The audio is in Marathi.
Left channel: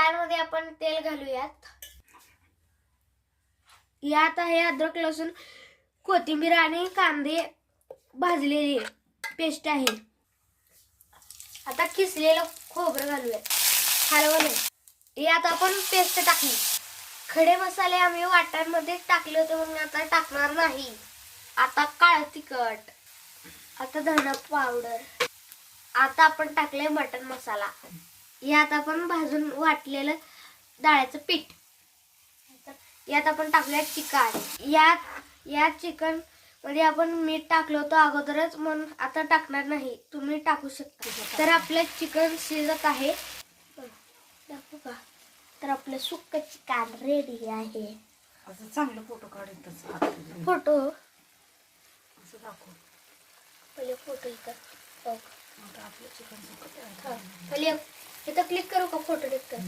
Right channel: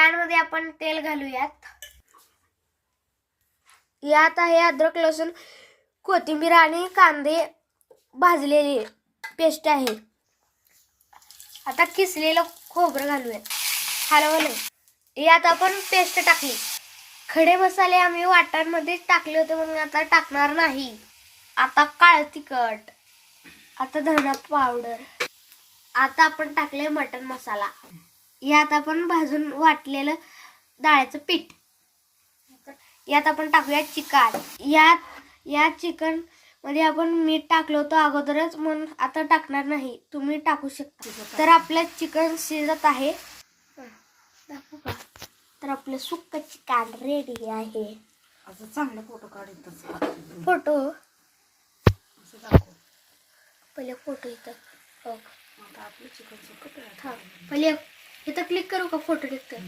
पॅन मध्ये आपण तेल घालूयात. यात आहे अद्रक लसूण कोथिंबीर आणि कांदे भाजलेली पेस्ट आहे. आता किसलेलं खोबरं घालूयात. हलवलं. यात आपण पेस्ट टाकली. खडे मसाले आम्ही वाटणामध्ये टाकले होते म्हणून आता टाकणार नाही. आता काळं तिखट, आता धना पावडर, आता आपण टाकले मटन मसाला. यात आपण भाजून वाटलेलं डाळीचं पीठ. यात आपण टाकूया चिकन. यात चिकन मध्ये आपण मीठ टाकलं होतं अगोदरच म्हणून आता टाकणार नाही. तुम्ही टाकू शकता. तर आपलं चिकन शिजत आहे. दाखवू का? तर आपलं सुक्क चिकन रेडी आहे. असं चांगलं फोटो काढायचं. फोटो असं दाखव. पहिले फोटो इथं. आता आपलं चिकन पहिले इथं क्लिक करू का? फोटो क्लिक कर.